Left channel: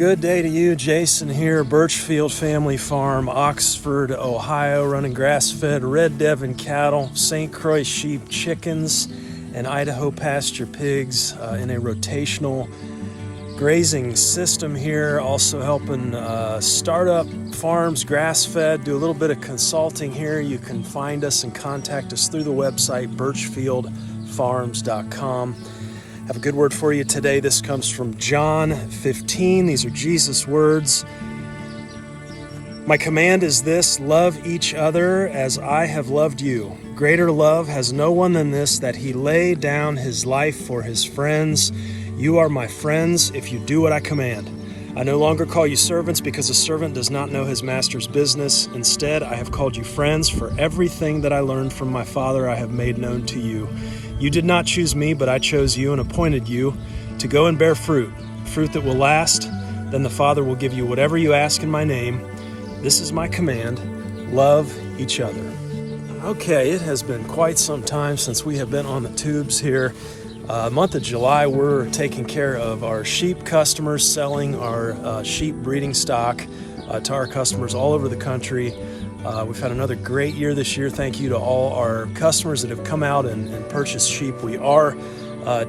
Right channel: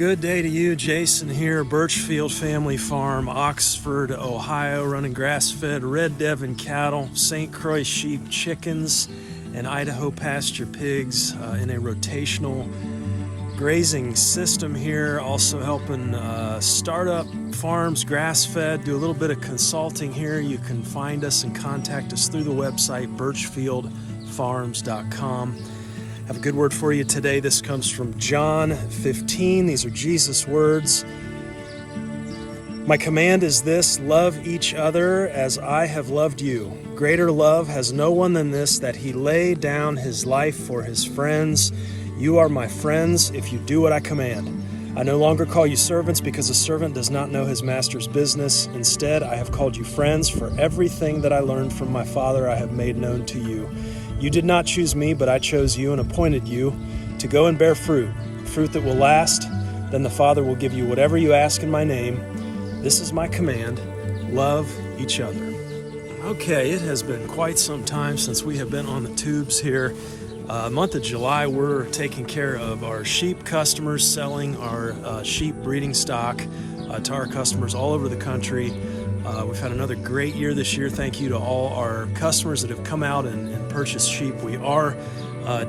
Good day to you. Jason here, Birchfield Family Farm, Oxford, Ohio, running grass-fed Red Devon cattle, St Croix sheep, chickens, and Idaho pasture pigs in a rotational grazing system here. Also helping startup farms, grass-fed, do a little bit of consulting here. You can find us and contact us through the website, birchfieldfarms.com. Have a good word for you today. This comes from John 15. These are Jesus' words. My command is this: love each other as I have loved you. Greater love has no one than this, that he lay down his life for his friends. You are my friends if you do what I command. I no longer call you servants, because a servant does not know his master's business. Instead, I have called you friends, for everything that I learned from my Father I have made known to you. You did not choose me, but I chose you and appointed you to go and bear fruit that will last. Then the Father will give you whatever you ask in my name. This is my command: love each other. Okay, it has been quite some time since we have been on the tubes here. Month of July, we're taking care of our sheep customers, selling our sheep breeding stock to our customers all over the country. We've had another great year this year. Thank you to all our customers that have come out and purchased sheep. We are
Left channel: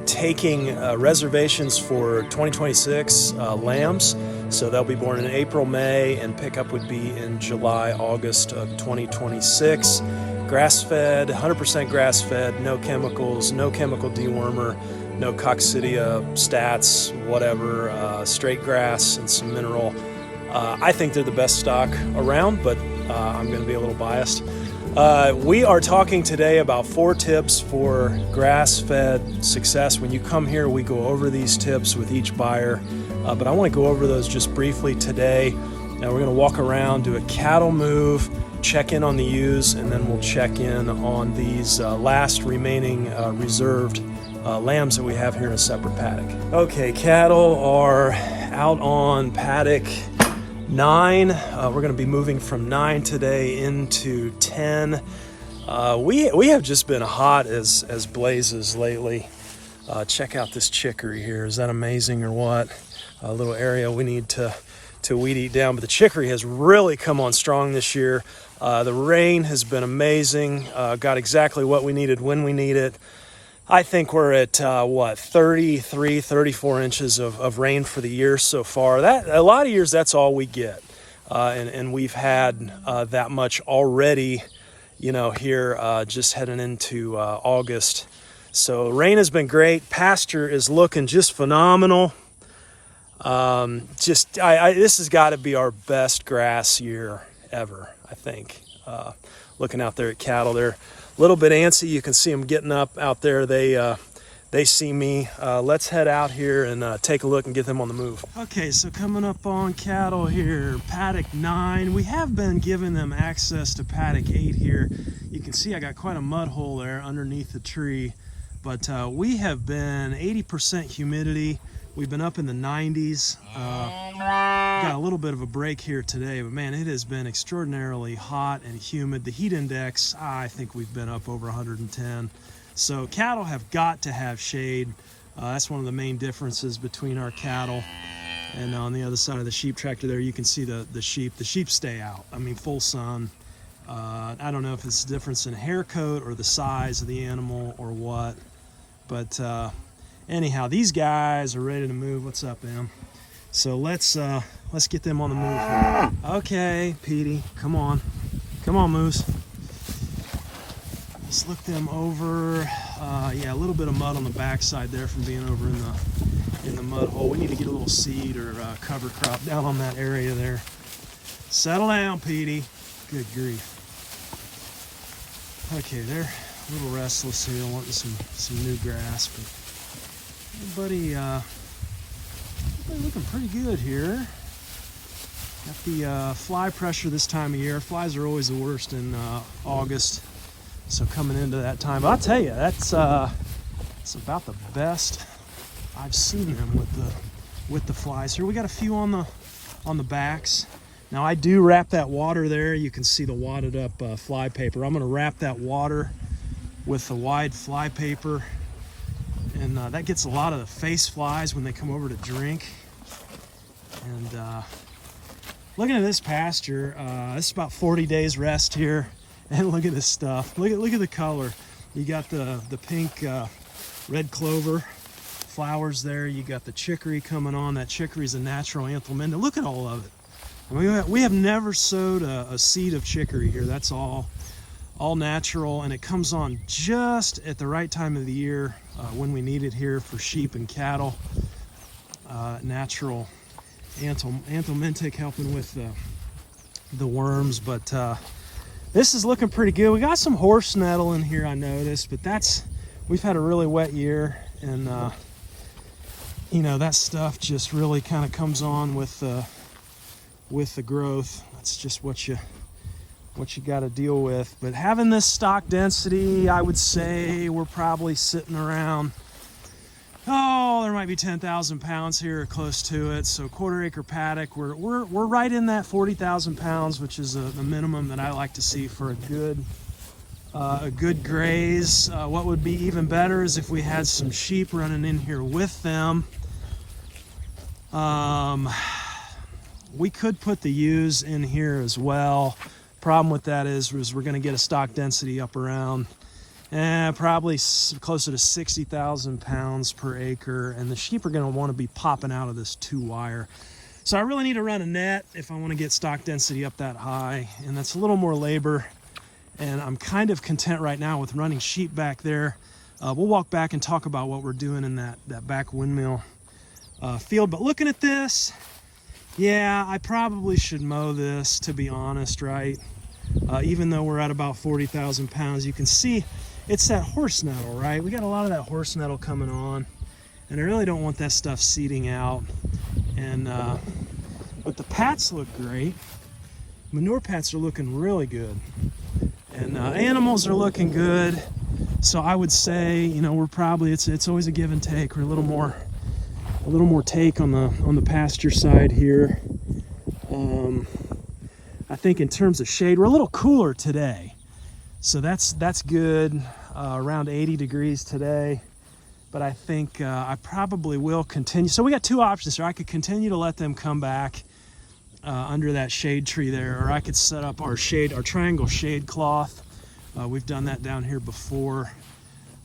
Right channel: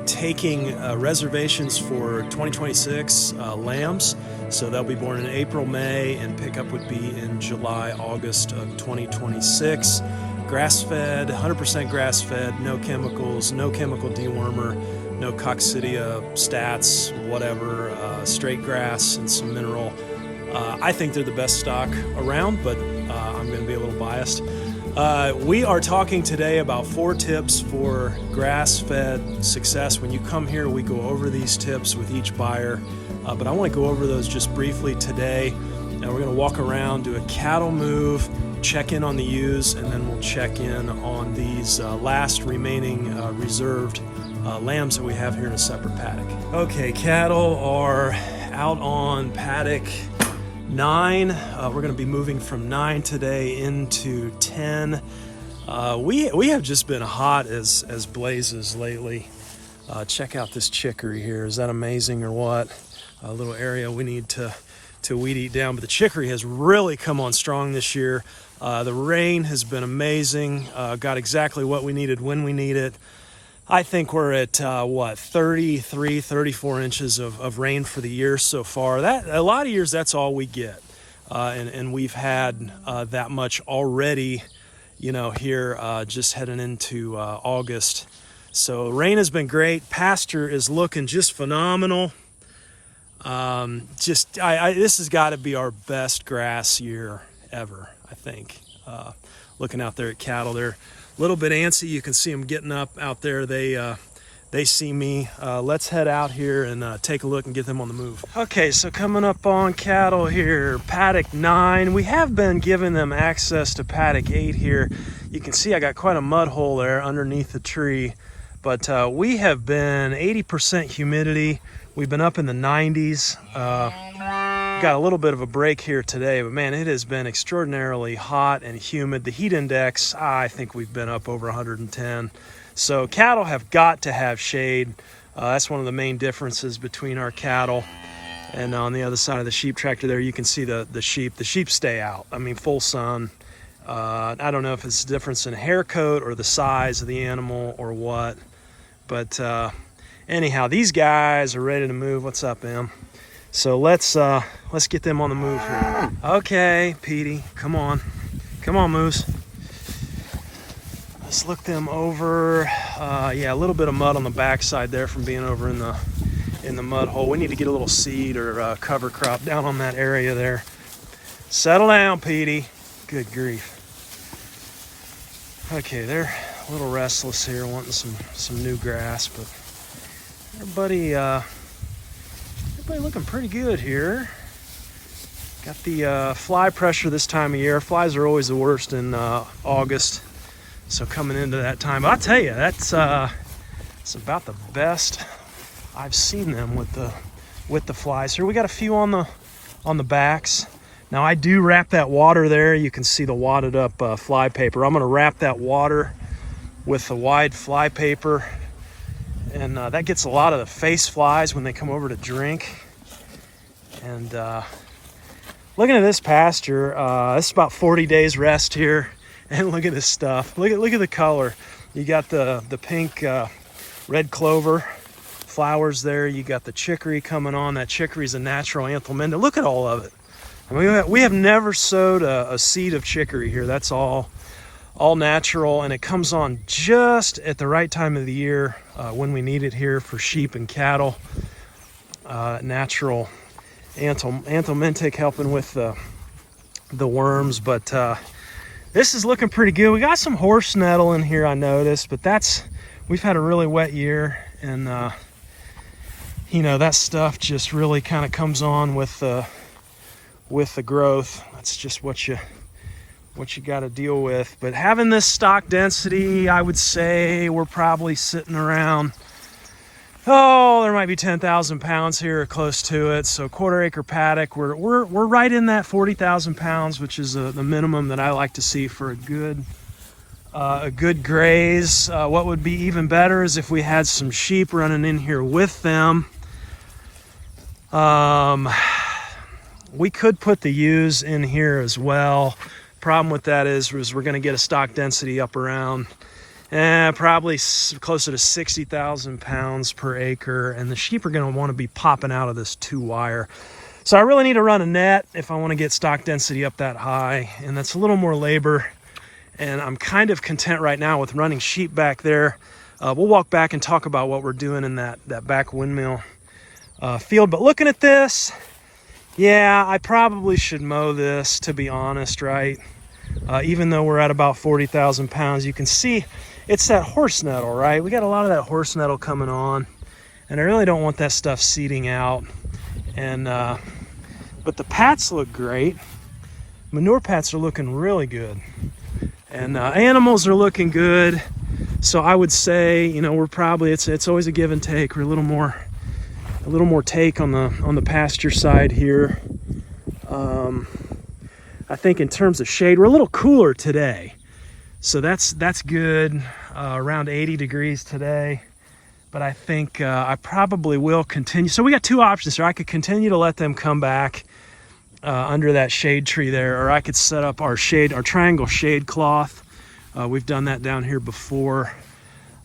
taking reservations for 2026 lambs. So they'll be born in April, May, and pickup would be in July, August of 2026. Grass-fed, 100% grass-fed, no chemicals, no chemical dewormer, no coccidia, stats, whatever, straight grass and some mineral. I think they're the best stock around, but I'm going to be a little biased. We are talking today about 4 tips for grass-fed success. When you come here, we go over these tips with each buyer, but I want to go over those just briefly today. Now we're going to walk around, do a cattle move, check in on the ewes, and then we'll check in on these last remaining reserved lambs that we have here in a separate paddock. Okay, cattle are out on paddock 9. We're going to be moving from 9 today into 10. We have just been hot as blazes lately. Check out this chicory here. Is that amazing or what? A little area we need to weed eat down, but the chicory has really come on strong this year. The rain has been amazing. Got exactly what we needed when we need it. I think we're at 33, 34 inches of rain for the year so far. That a lot of years that's all we get, and we've had that much already. Here just heading into August. So rain has been great. Pasture is looking just phenomenal. This has got to be our best grass year ever, I think. Looking out there at cattle, they're a little bit antsy. You can see them getting up out there. They see me. Let's head out here and take a look and get them on the move. Okay, so coming up on cattle here, paddock 9. We have been giving them access to paddock 8 here. You can see I got quite a mud hole there underneath the tree, but we have been 80% humidity. We've been up in the 90s. Got a little bit of a break here today, but man, it has been extraordinarily hot and humid. The heat index, I think we've been up over 110. So cattle have got to have shade. That's one of the main differences between our cattle. And on the other side of the sheep tractor there, you can see the sheep. The sheep stay out. I mean, full sun. I don't know if it's a difference in hair coat or the size of the animal or what, but anyhow, these guys are ready to move. What's up, Em? So let's get them on the move here. Okay, Petey, come on Moose. Let's look them over. Yeah, a little bit of mud on the backside there from being over in the mud hole. We need to get a little seed or cover crop down on that area there. Settle down, Petey. Good grief. Okay, they're a little restless here, wanting some new grass, but everybody looking pretty good here. Got the fly pressure this time of year. Flies are always the worst in August, so coming into that time, I'll tell you, it's about the best I've seen them with the flies here. We got a few on the backs. Now I do wrap that water there. You can see the wadded up fly paper. I'm going to wrap that water with the wide fly paper, and that gets a lot of the face flies when they come over to drink. And looking at this pasture, this is about 40 days rest here. And look at this stuff. Look at the color. You got the pink red clover flowers there. You got the chicory coming on. That chicory is a natural anthelminta. Look at all of it. I mean, we have never sowed a seed of chicory here. That's all natural, and it comes on just at the right time of the year when we need it here for sheep and cattle. Natural anthelmintic helping with the worms, but this is looking pretty good. We got some horse nettle in here, I noticed, but we've had a really wet year, and you know, that stuff just really kind of comes on with the growth. That's just what you got to deal with. But having this stock density, I would say we're probably sitting around, there might be 10,000 pounds here or close to it. So quarter-acre paddock, we're right in that 40,000 pounds, which is the minimum that I like to see for a good graze. What would be even better is if we had some sheep running in here with them. We could put the ewes in here as well. Problem with that is we're going to get a stock density up around probably closer to 60,000 pounds per acre, and the sheep are going to want to be popping out of this 2-wire. So I really need to run a net if I want to get stock density up that high, and that's a little more labor, and I'm kind of content right now with running sheep back there. We'll walk back and talk about what we're doing in that back windmill field. But looking at this, yeah, I probably should mow this, to be honest, right? Even though we're at about 40,000 pounds, you can see it's that horse nettle, right? We got a lot of that horse nettle coming on, and I really don't want that stuff seeding out. And but the pats look great. Manure pats are looking really good, and animals are looking good. So I would say, you know, we're probably it's always a give and take. We're a little more take on the pasture side here. I think in terms of shade, we're a little cooler today, so that's good. Around 80 degrees today, but I think I probably will continue. So we got two options here. I could continue to let them come back under that shade tree there, or I could set up our triangle shade cloth. We've done that down here before.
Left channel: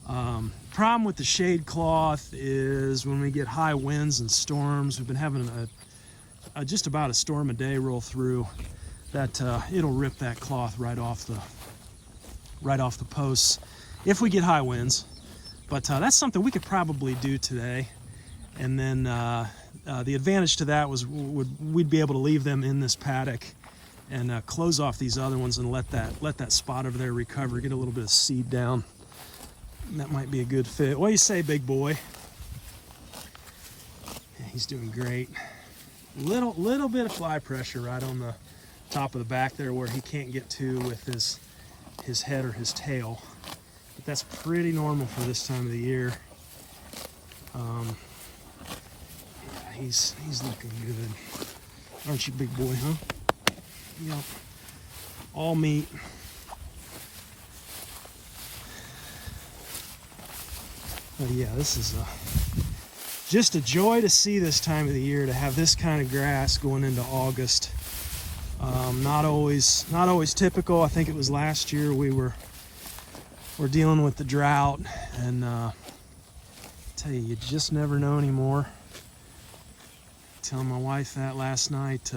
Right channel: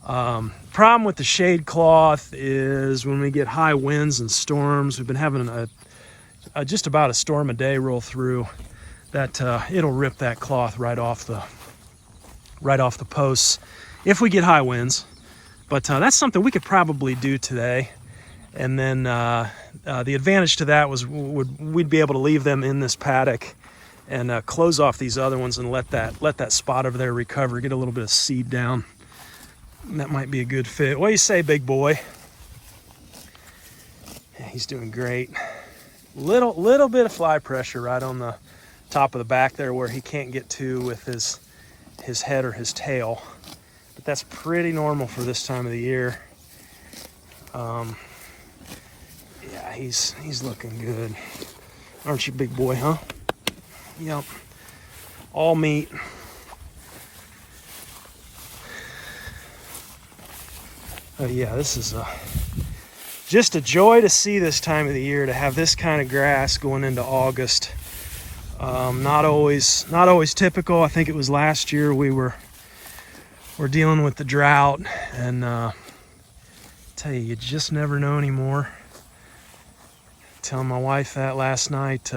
Problem with the shade cloth is when we get high winds and storms. We've been having just about a storm a day roll through, that it'll rip that cloth right off the posts if we get high winds. But that's something we could probably do today. And then the advantage to that was we'd be able to leave them in this paddock and close off these other ones and let that spot over there recover, get a little bit of seed down. And that might be a good fit. What do you say, big boy? Yeah, he's doing great. Little bit of fly pressure right on the top of the back there where he can't get to with his head or his tail, but that's pretty normal for this time of the year. Yeah, he's looking good, aren't you, big boy? Huh? Yep. All meat. Oh yeah, this is just a joy to see this time of the year, to have this kind of grass going into August. Not always typical. I think it was last year we're dealing with the drought, and tell you just never know anymore. Telling my wife that last night.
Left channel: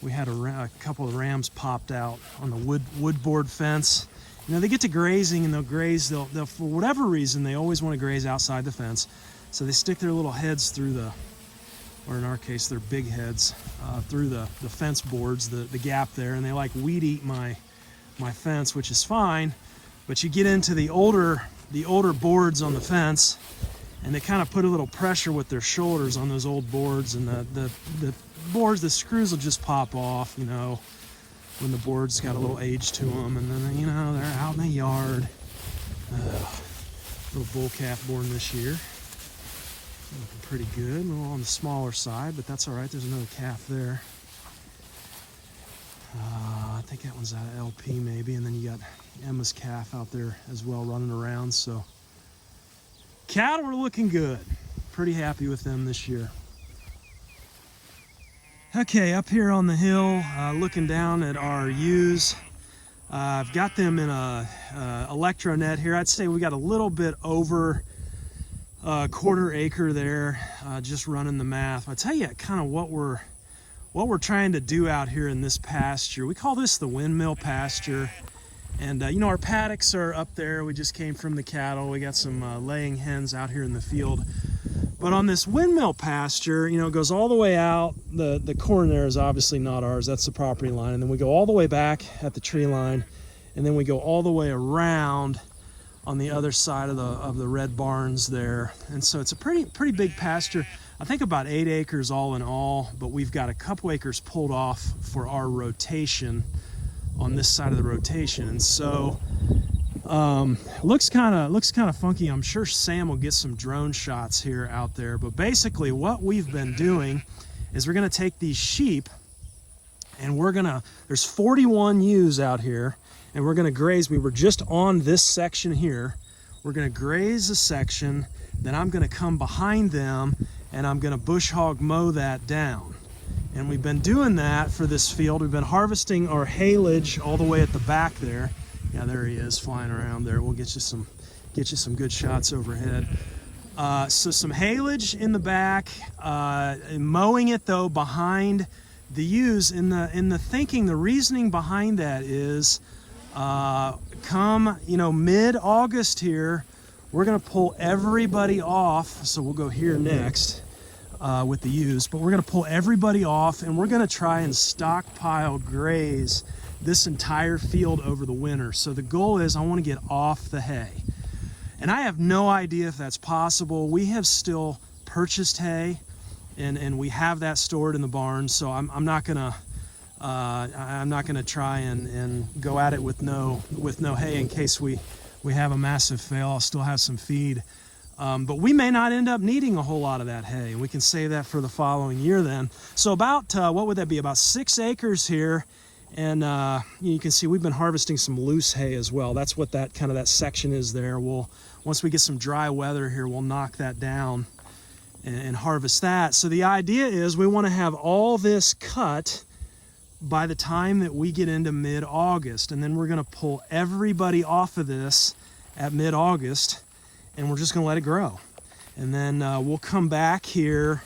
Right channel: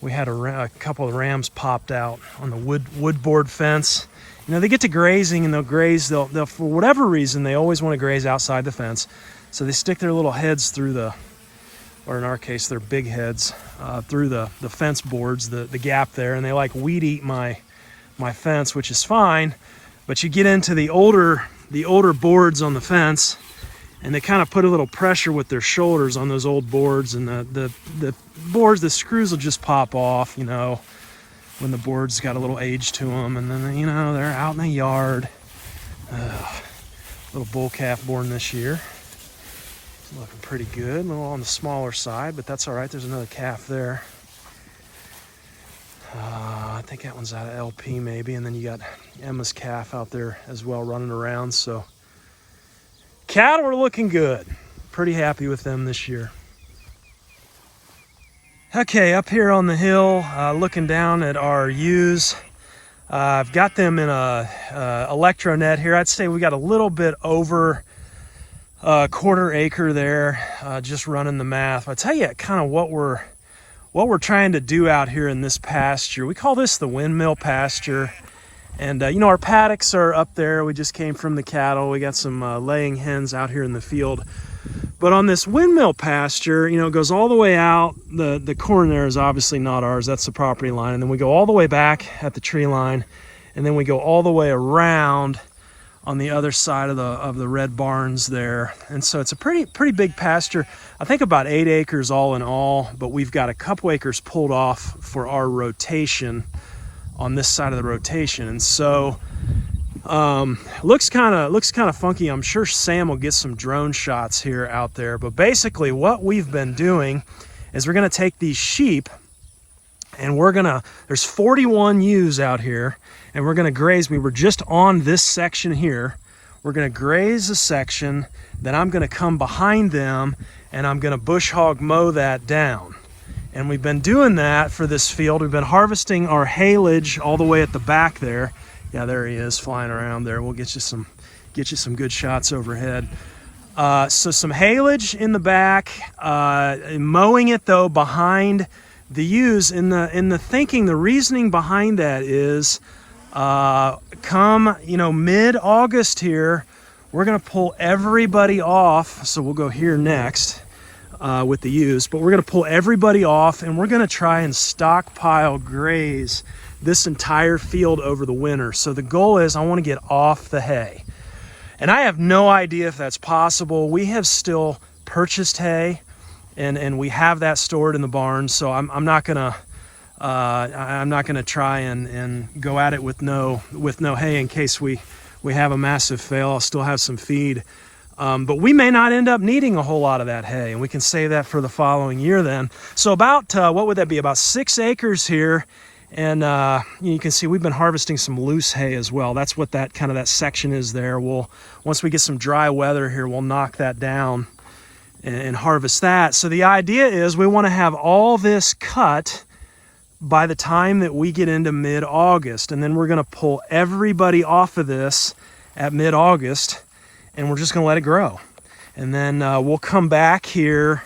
We had a couple of rams popped out on the wood board fence. You know, they get to grazing and they'll graze. They'll for whatever reason, they always want to graze outside the fence. So they stick their little heads through or in our case, their big heads through the fence boards, the gap there, and they like weed eat my fence, which is fine. But you get into the older boards on the fence, and they kind of put a little pressure with their shoulders on those old boards, and the boards, the screws will just pop off, you know, when the board's got a little age to them, and then, you know, they're out in the yard. Little bull calf born this year. Looking pretty good, a little on the smaller side, but that's all right. There's another calf there. I think that one's out of LP maybe, and then you got Emma's calf out there as well running around. So cattle are looking good. Pretty happy with them this year. Okay, up here on the hill, looking down at our ewes. I've got them in a electro net here. I'd say we got a little bit over a quarter acre there, just running the math. I'll tell you kind of what we're trying to do out here in this pasture. We call this the windmill pasture. And you know, our paddocks are up there. We just came from the cattle. We got some laying hens out here in the field. But on this windmill pasture, you know, it goes all the way out. The corn there is obviously not ours. That's the property line. And then we go all the way back at the tree line. And then we go all the way around on the other side of the red barns there. And so it's a pretty big pasture. I think about 8 acres all in all. But we've got a couple acres pulled off for our rotation on this side of the rotation. And so looks kind of funky. I'm sure Sam will get some drone shots here out there, but basically what we've been doing is we're going to take these sheep and there's 41 ewes out here, and we're going to graze. We were just on this section here. We're going to graze a section, then I'm going to come behind them and I'm going to bush hog mow that down. And we've been doing that for this field. We've been harvesting our haylage all the way at the back there. Yeah, there he is flying around there. We'll get you some good shots overhead. So some haylage in the back, mowing it though behind the ewes. In the thinking, the reasoning behind that is, come mid-August here, we're gonna pull everybody off. So we'll go here next with the ewes, but we're gonna pull everybody off and we're gonna try and stockpile graze this entire field over the winter. So the goal is I want to get off the hay. And I have no idea if that's possible. We have still purchased hay and we have that stored in the barn. So I'm not gonna try and go at it with no hay in case we have a massive fail. I'll still have some feed. But we may not end up needing a whole lot of that hay, and we can save that for the following year then. So about, what would that be? About 6 acres here. And you can see we've been harvesting some loose hay as well. That's what that section is there. Once we get some dry weather here, we'll knock that down and harvest that. So the idea is we want to have all this cut by the time that we get into mid-August. And then we're going to pull everybody off of this at mid-August, and we're just going to let it grow. And then we'll come back here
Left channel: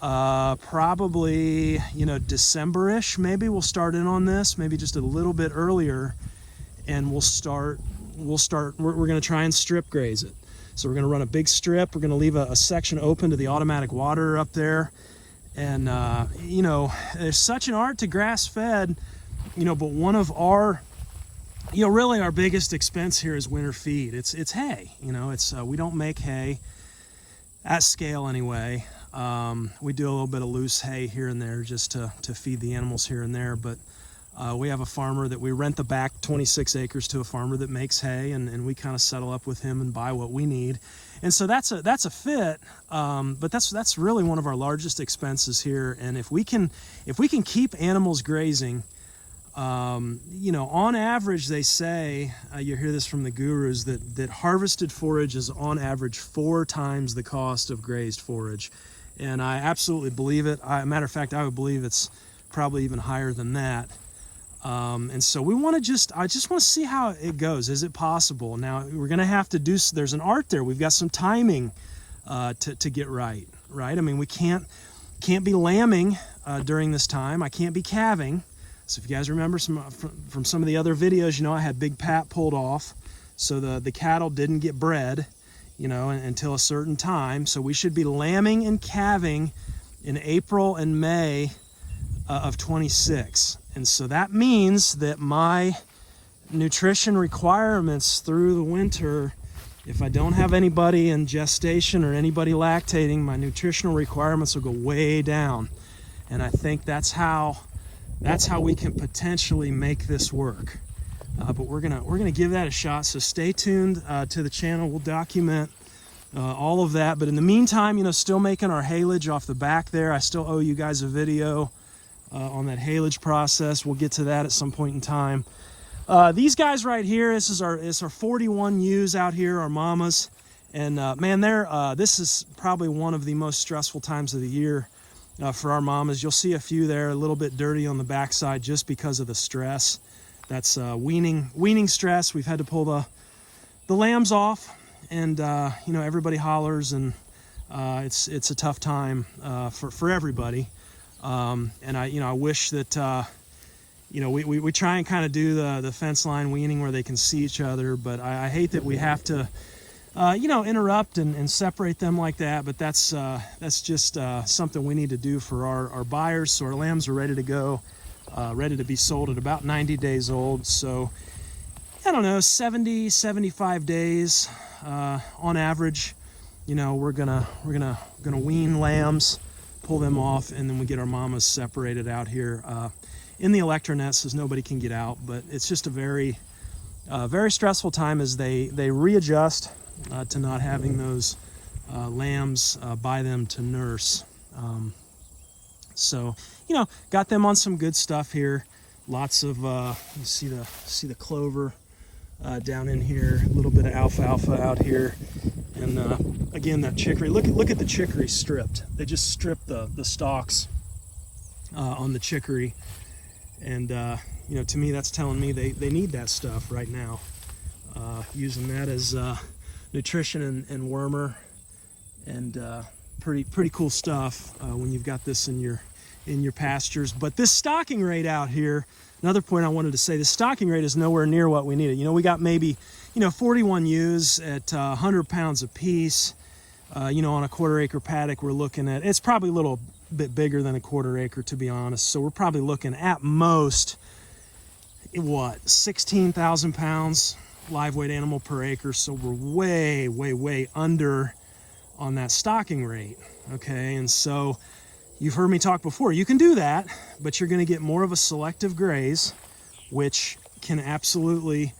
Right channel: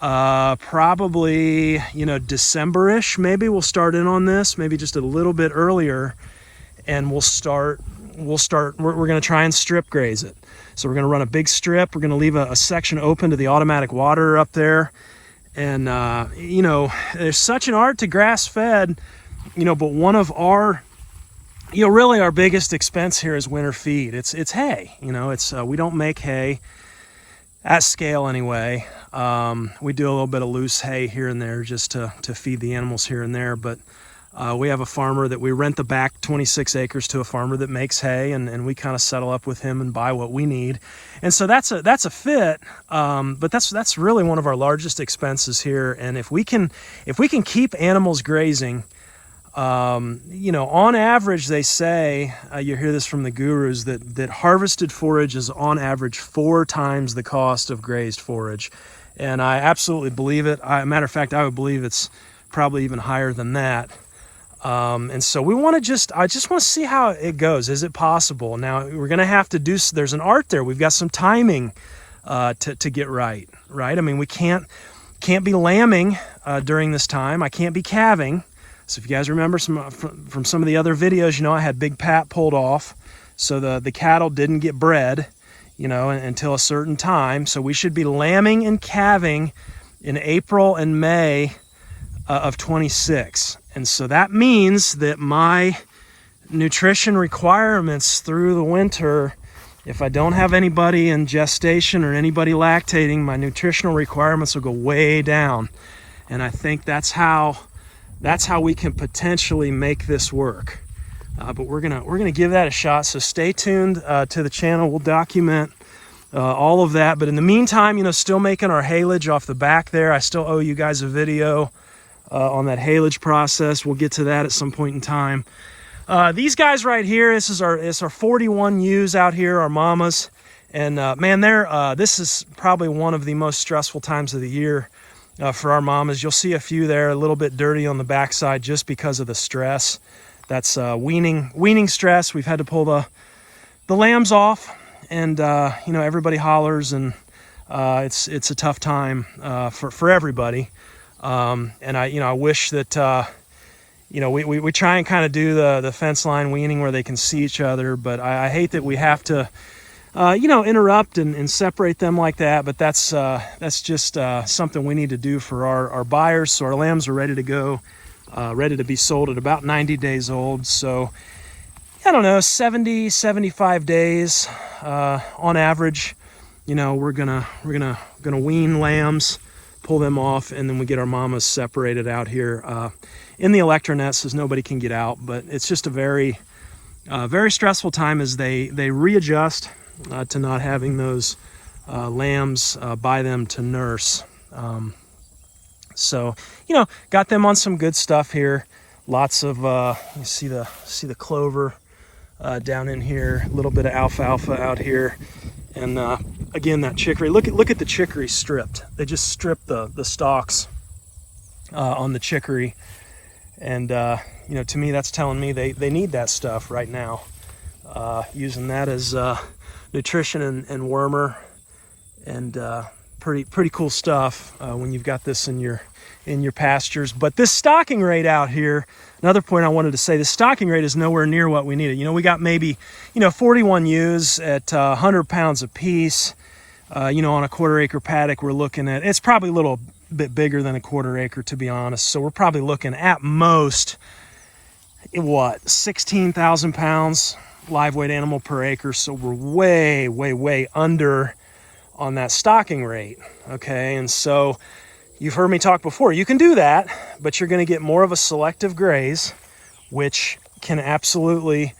probably, December-ish, maybe we'll start in on this, maybe just a little bit earlier, and we're going to try and strip graze it. So we're going to run a big strip. We're going to leave a section open to the automatic water up there. And, there's such an art to grass-fed, but one of our, really our biggest expense here is winter feed. It's hay, we don't make hay at scale anyway. We do a little bit of loose hay here and there just to feed the animals here and there, but we have a farmer that we rent the back 26 acres to, a farmer that makes hay, and we kind of settle up with him and buy what we need. And so that's a fit, but that's really one of our largest expenses here. And if we can keep animals grazing, on average, they say, you hear this from the gurus, that harvested forage is on average 4 times the cost of grazed forage. And I absolutely believe it. Matter of fact, I would believe it's probably even higher than that. And so I just want to see how it goes. Is it possible? Now we're going to have to there's an art there. We've got some timing, to get right. I mean, we can't be lambing, during this time. I can't be calving. So if you guys remember from some of the other videos, I had Big Pat pulled off. So the cattle didn't get bred, until a certain time. So we should be lambing and calving in April and May of 26. And so that means that my nutrition requirements through the winter, if I don't have anybody in gestation or anybody lactating, my nutritional requirements will go way down. And I think that's how we can potentially make this work. But we're gonna give that a shot. So stay tuned to the channel. We'll document all of that. But in the meantime, still making our haylage off the back there. I still owe you guys a video on that haylage process. We'll get to that at some point in time. These guys right here, it's our 41 ewes out here, our mamas. And man, this is probably one of the most stressful times of the year for our mamas. You'll see a few there a little bit dirty on the backside just because of the stress. That's weaning stress. We've had to pull the lambs off, and everybody hollers, and it's a tough time for everybody. And I wish that we try and kind of do the fence line weaning where they can see each other, but I hate that we have to interrupt and separate them like that. But that's just something we need to do for our buyers. So our lambs are ready to go, ready to be sold at about 90 days old. So I don't know, 70, 75 days on average. We're gonna wean lambs, pull them off, and then we get our mamas separated out here in the electronet so nobody can get out. But it's just a very stressful time as they readjust to not having those lambs by them to nurse. So got them on some good stuff here. Lots of you see the clover down in here, a little bit of alfalfa out here, and again, that chicory. Look at the chicory stripped. They just stripped the stalks on the chicory, and to me that's telling me they need that stuff right now. Using that as nutrition and wormer, and pretty cool stuff when you've got this in your pastures. But this stocking rate out here, another point I wanted to say, the stocking rate is nowhere near what we needed. We got maybe 41 ewes at 100 pounds a piece. On a quarter-acre paddock, we're looking at, it's probably a little bit bigger than a quarter acre, to be honest. So we're probably looking at most 16,000 pounds live weight animal per acre. So we're way under on that stocking rate. Okay, and so you've heard me talk before, you can do that, but you're going to get more of a selective graze, which can absolutely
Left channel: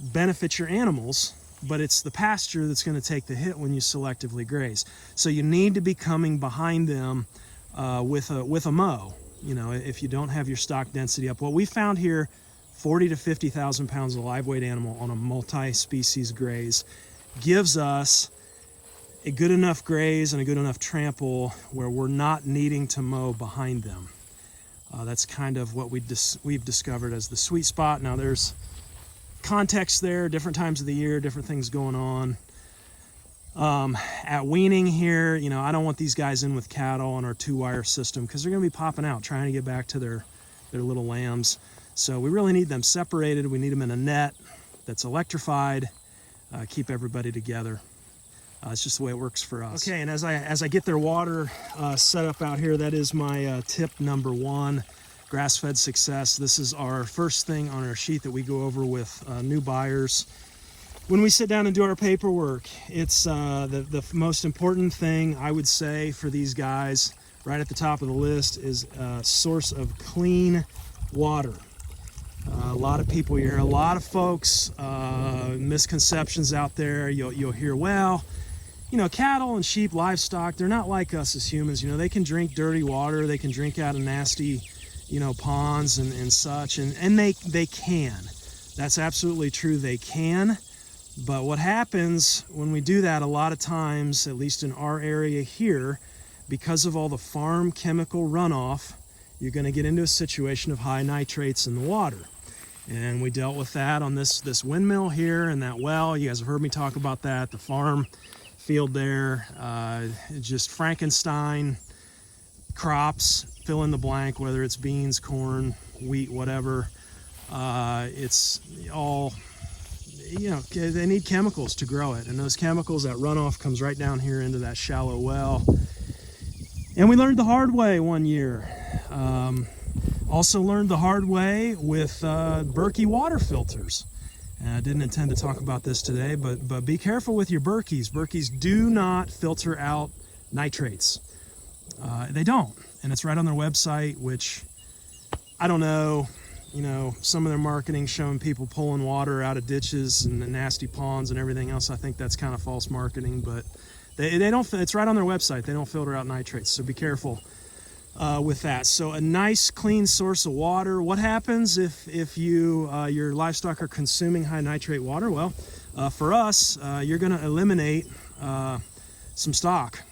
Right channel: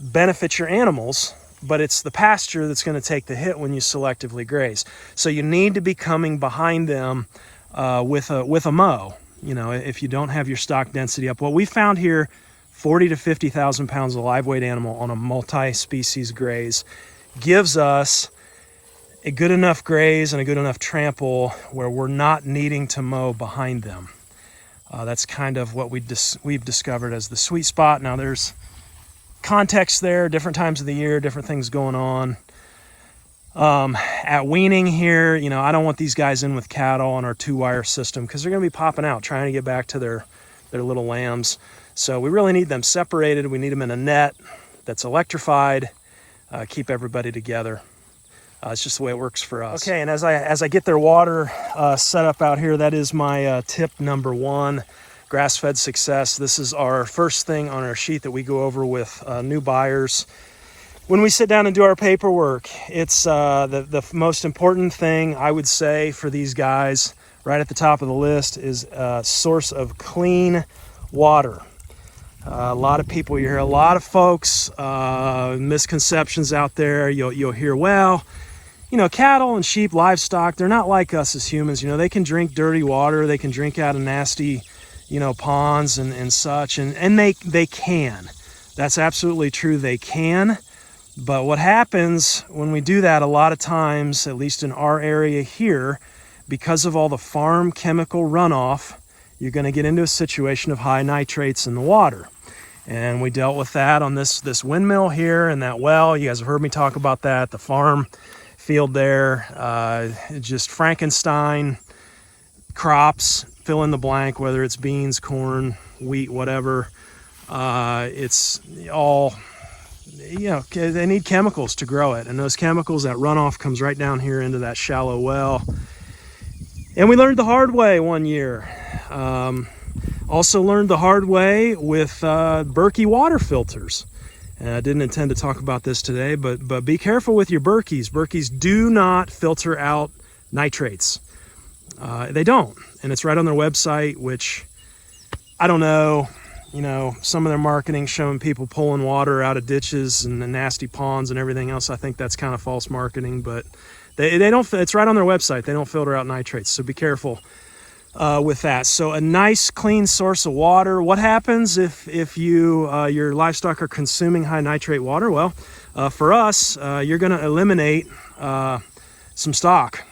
benefit your animals, but it's the pasture that's going to take the hit when you selectively graze. So you need to be coming behind them with a mow, if you don't have your stock density up. What we found here, 40 to 50,000 pounds of live weight animal on a multi-species graze gives us a good enough graze and a good enough trample where we're not needing to mow behind them. That's kind of what we've discovered as the sweet spot. Now there's context there, different times of the year, different things going on. At weaning here, I don't want these guys in with cattle on our 2-wire system because they're going to be popping out trying to get back to their little lambs. So we really need them separated. We need them in a net that's electrified, keep everybody together. It's just the way it works for us. Okay, and as I get their water set up out here, that is my tip number 1, grass-fed success. This is our first thing on our sheet that we go over with new buyers. When we sit down and do our paperwork, it's the most important thing I would say for these guys right at the top of the list is a source of clean water. A lot of people, you hear a lot of folks, misconceptions out there. You'll hear, well, cattle and sheep, livestock, they're not like us as humans. They can drink dirty water. They can drink out of nasty, ponds and such. And they can. That's absolutely true. They can. But what happens when we do that a lot of times, at least in our area here, because of all the farm chemical runoff, you're going to get into a situation of high nitrates in the water. And we dealt with that on this windmill here and that well. You guys have heard me talk about that. The farm field there, just Frankenstein crops, fill in the blank, whether it's beans, corn, wheat, whatever. It's all, they need chemicals to grow it. And those chemicals, that runoff comes right down here into that shallow well. And we learned the hard way one year. Also learned the hard way with Berkey water filters. And I didn't intend to talk about this today, but be careful with your Berkeys. Berkeys do not filter out nitrates. They don't. And it's right on their website, which I don't know. Some of their marketing showing people pulling water out of ditches and the nasty ponds and everything else. I think that's kind of false marketing, but they don't. It's right on their website. They don't filter out nitrates, so be careful with that. So a nice clean source of water. What happens if your livestock are consuming high nitrate water? Well, for us, you're going to eliminate some stock.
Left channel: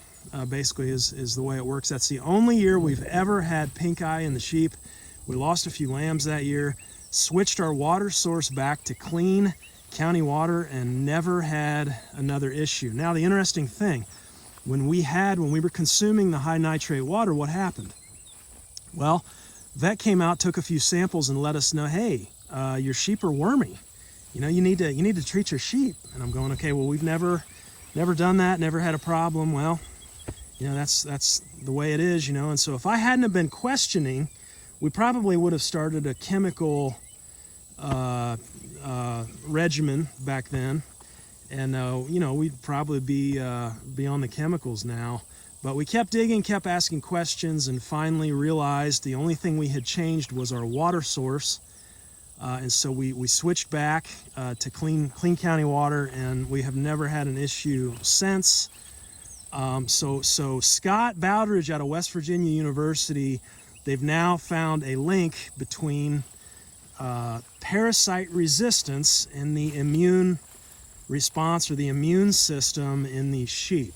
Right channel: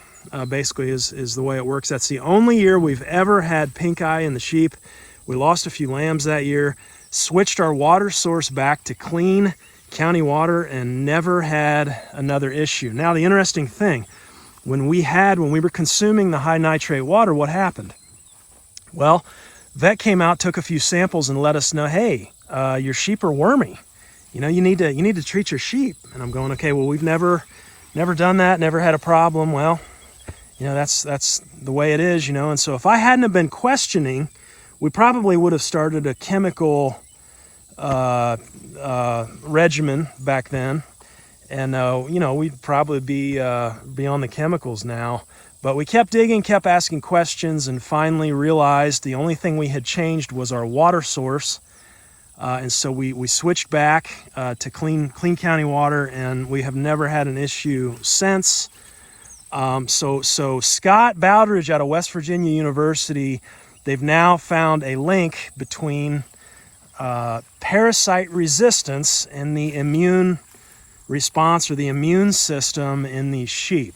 basically is the way it works. That's the only year we've ever had pink eye in the sheep. We lost a few lambs that year, switched our water source back to clean county water, and never had another issue. Now, the interesting thing, when we were consuming the high nitrate water, what happened? Well, vet came out, took a few samples, and let us know, hey, your sheep are wormy. You need to treat your sheep. And I'm going, okay, well, we've never done that, never had a problem. Well, that's the way it is, And so if I hadn't have been questioning, we probably would have started a chemical regimen back then, and we'd probably be on the chemicals now. But we kept digging, kept asking questions, and finally realized the only thing we had changed was our water source. And so we switched back to clean county water, and we have never had an issue since. So Scott Bowdridge out of West Virginia University, they've now found a link between parasite resistance and the immune response or the immune system in these sheep.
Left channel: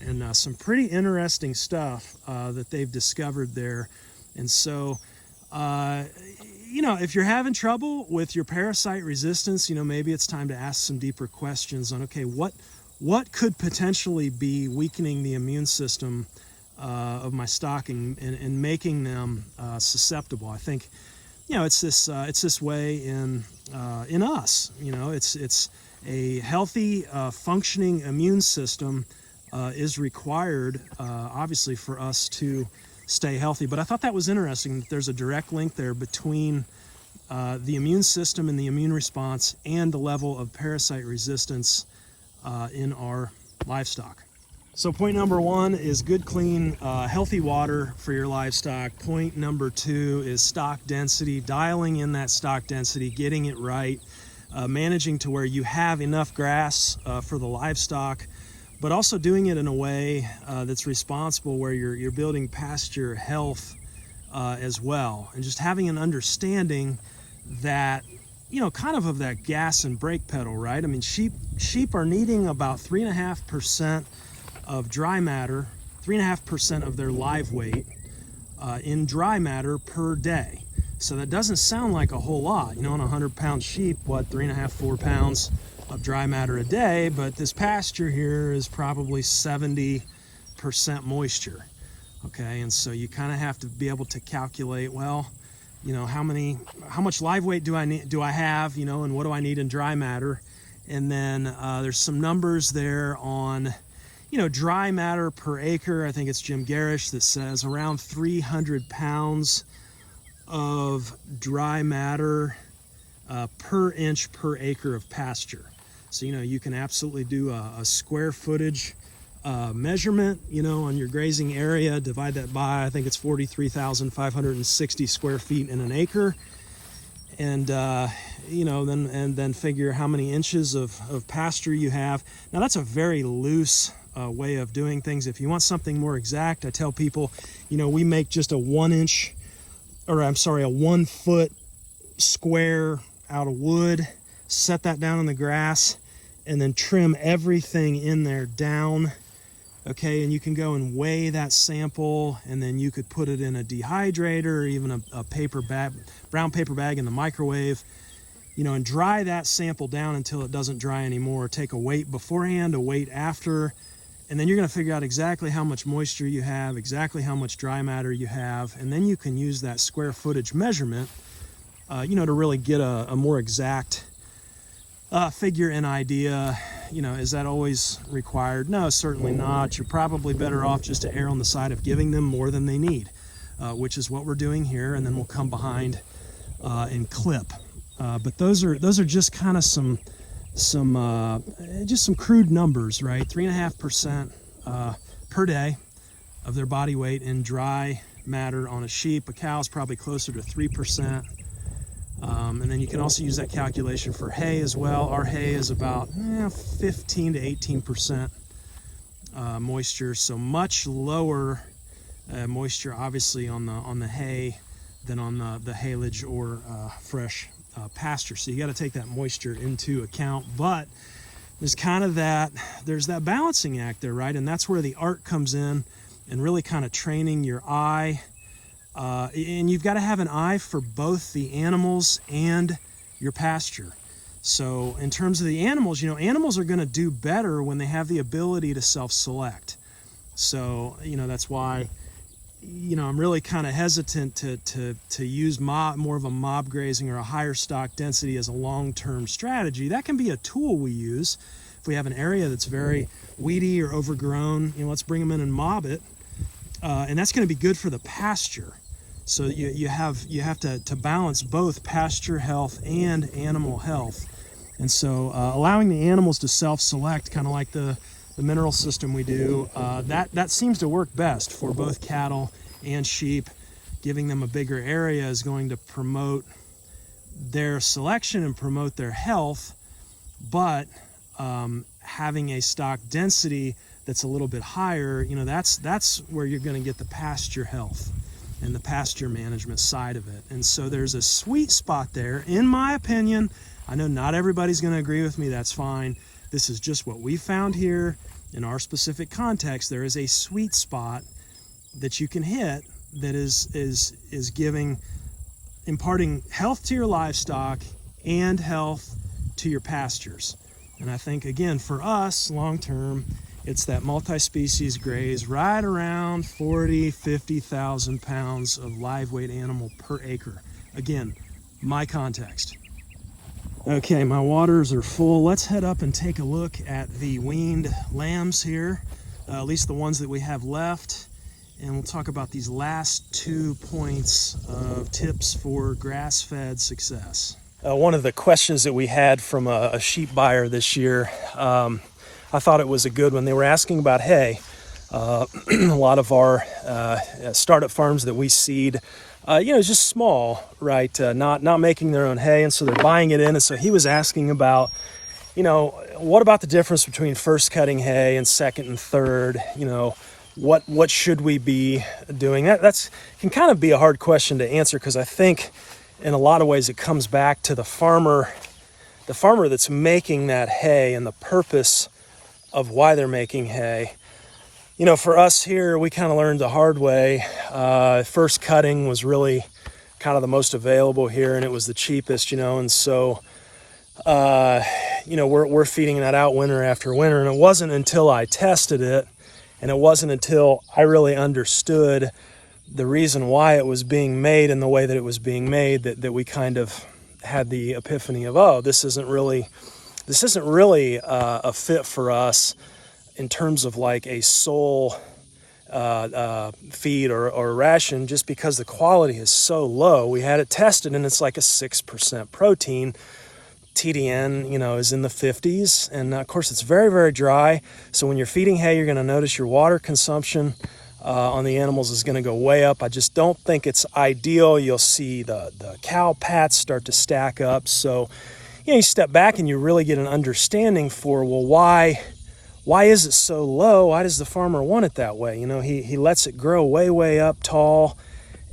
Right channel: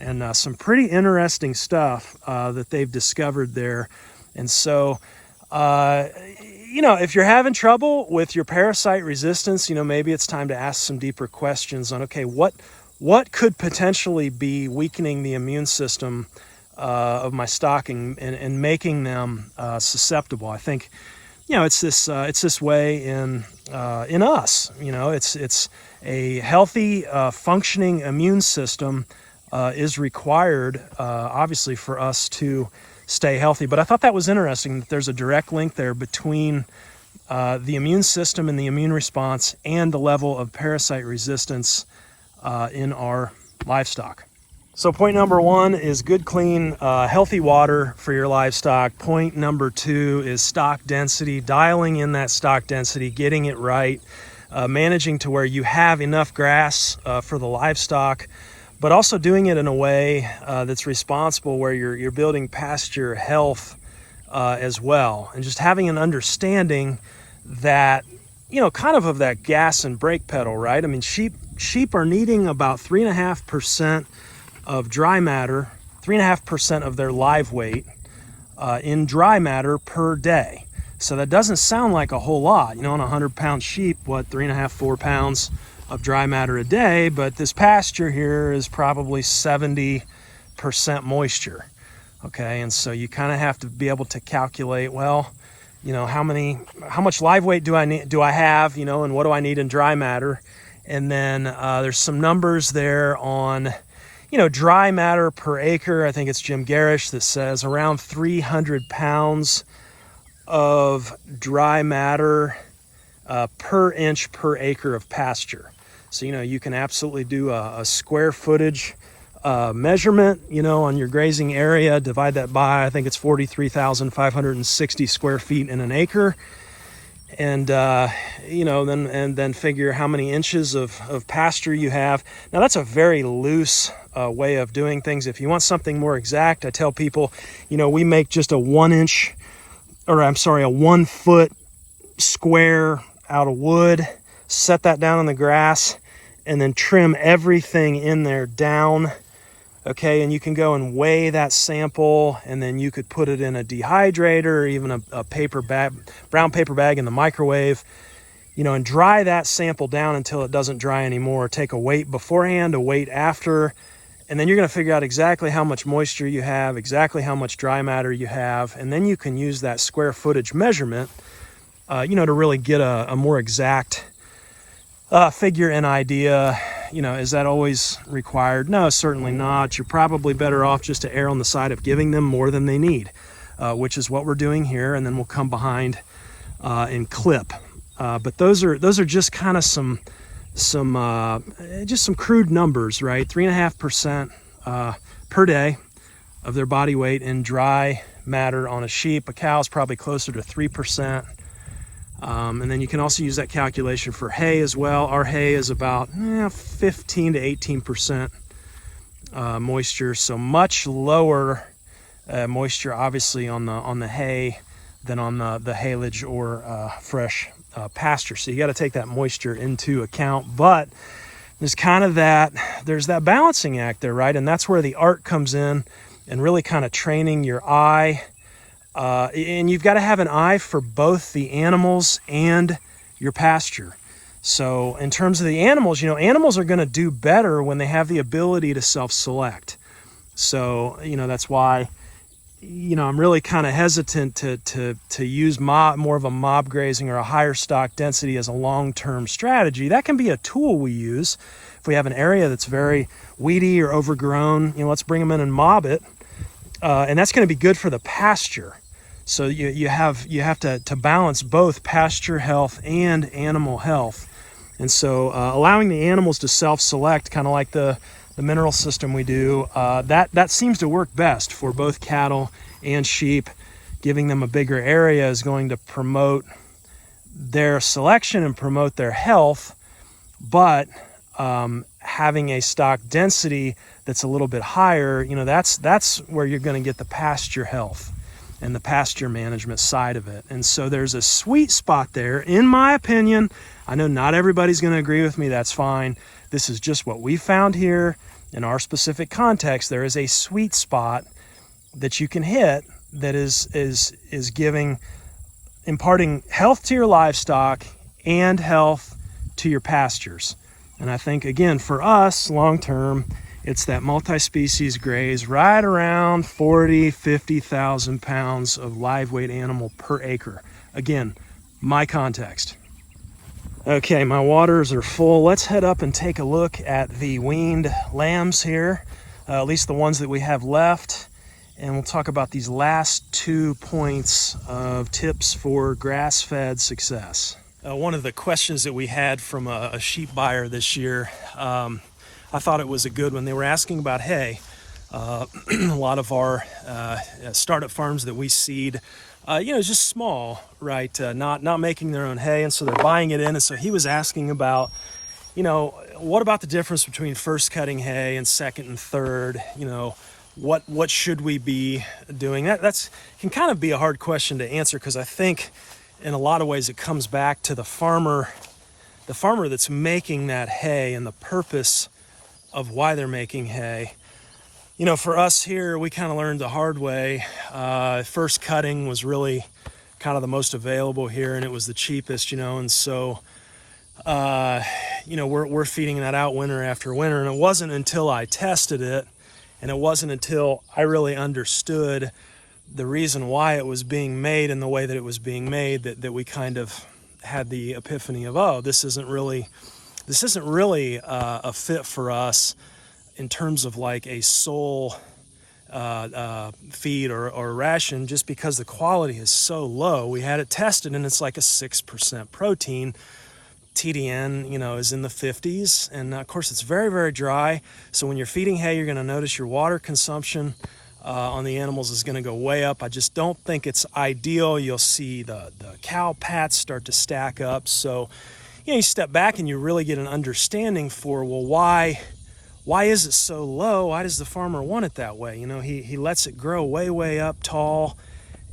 And some pretty interesting stuff that they've discovered there. And so, if you're having trouble with your parasite resistance, maybe it's time to ask some deeper questions on, okay, what could potentially be weakening the immune system of my stock and making them susceptible. I think, it's this way in us. It's a healthy, functioning immune system is required, obviously, for us to stay healthy. But I thought that was interesting that there's a direct link there between the immune system and the immune response and the level of parasite resistance in our livestock. So point number 1 is good, clean, healthy water for your livestock. Point number 2 is stock density, dialing in that stock density, getting it right, managing to where you have enough grass for the livestock, but also doing it in a way that's responsible, where you're building pasture health as well. And just having an understanding that, kind of that gas and brake pedal, right? I mean, sheep are needing about 3.5% of dry matter, 3.5% of their live weight in dry matter per day. So that doesn't sound like a whole lot, on a 100-pound sheep, 3.5, 4 pounds of dry matter a day, but this pasture here is probably 70% moisture. Okay, and so you kind of have to be able to calculate, well, how much live weight do I have, and what do I need in dry matter? And then there's some numbers there on, dry matter per acre. I think it's Jim Garish that says around 300 pounds of dry matter per inch per acre of pasture. So, you can absolutely do a square footage measurement, on your grazing area, divide that by, I think it's 43,560 square feet in an acre. And, then figure how many inches of pasture you have. Now, that's a very loose way of doing things. If you want something more exact, I tell people, we make just a 1 foot square out of wood, set that down on the grass, and then trim everything in there down. Okay, and you can go and weigh that sample, and then you could put it in a dehydrator or even a paper bag, brown paper bag in the microwave, and dry that sample down until it doesn't dry anymore. Take a weight beforehand, a weight after, and then you're going to figure out exactly how much moisture you have, exactly how much dry matter you have, and then you can use that square footage measurement, to really get a more exact figure and idea. Is that always required? No, certainly not. You're probably better off just to err on the side of giving them more than they need, which is what we're doing here, and then we'll come behind and clip. But those are just kind of some crude numbers, right? 3.5% per day of their body weight in dry matter on a sheep. A cow's probably closer to 3%. And then you can also use that calculation for hay as well. Our hay is about 15 to 18% moisture, so much lower moisture, obviously, on the hay than on the haylage or fresh pasture. So you got to take that moisture into account. But there's that balancing act there, right? And that's where the art comes in, and really kind of training your eye. And you've got to have an eye for both the animals and your pasture. So in terms of the animals, animals are going to do better when they have the ability to self-select. So, that's why, I'm really kind of hesitant to use more of a mob grazing or a higher stock density as a long-term strategy. That can be a tool we use. If we have an area that's very weedy or overgrown, let's bring them in and mob it. And that's going to be good for the pasture. So you have to balance both pasture health and animal health. And so allowing the animals to self-select, kind of like the mineral system we do, that seems to work best for both cattle and sheep. Giving them a bigger area is going to promote their selection and promote their health, but having a stock density that's a little bit higher, that's where you're going to get the pasture health and the pasture management side of it. And so there's a sweet spot there, in my opinion. I know not everybody's going to agree with me. That's fine. This is just what we found here in our specific context. There is a sweet spot that you can hit that is imparting health to your livestock and health to your pastures. And I think, again, for us, long term, it's that multi-species graze right around 50,000 pounds of live weight animal per acre. Again, my context. Okay, my waters are full. Let's head up and take a look at the weaned lambs here, at least the ones that we have left. And we'll talk about these last 2 points of tips for grass-fed success. One of the questions that we had from a sheep buyer this year, I thought it was a good one. They were asking about hay. A lot of our startup farms that we seed, just small, right? Not making their own hay, and so they're buying it in. And so he was asking about, what about the difference between first cutting hay and second and third? What should we be doing? That's can kind of be a hard question to answer, because I think in a lot of ways it comes back to the farmer that's making that hay and the purpose of why they're making hay. For us here, we kind of learned the hard way. First cutting was really kind of the most available here, and it was the cheapest, and so we're feeding that out winter after winter. And it wasn't until I tested it, and it wasn't until I really understood the reason why it was being made and the way that it was being made that we kind of had the epiphany of, this isn't really a fit for us in terms of like a sole feed or ration, just because the quality is so low. We had it tested, and it's like a 6% protein. TDN, is in the 50s, and of course it's very, very dry. So when you're feeding hay, you're going to notice your water consumption on the animals is going to go way up. I just don't think it's ideal. You'll see the cow pats start to stack up. So you step back and you really get an understanding for, why is it so low? Why does the farmer want it that way? He lets it grow way, way up tall,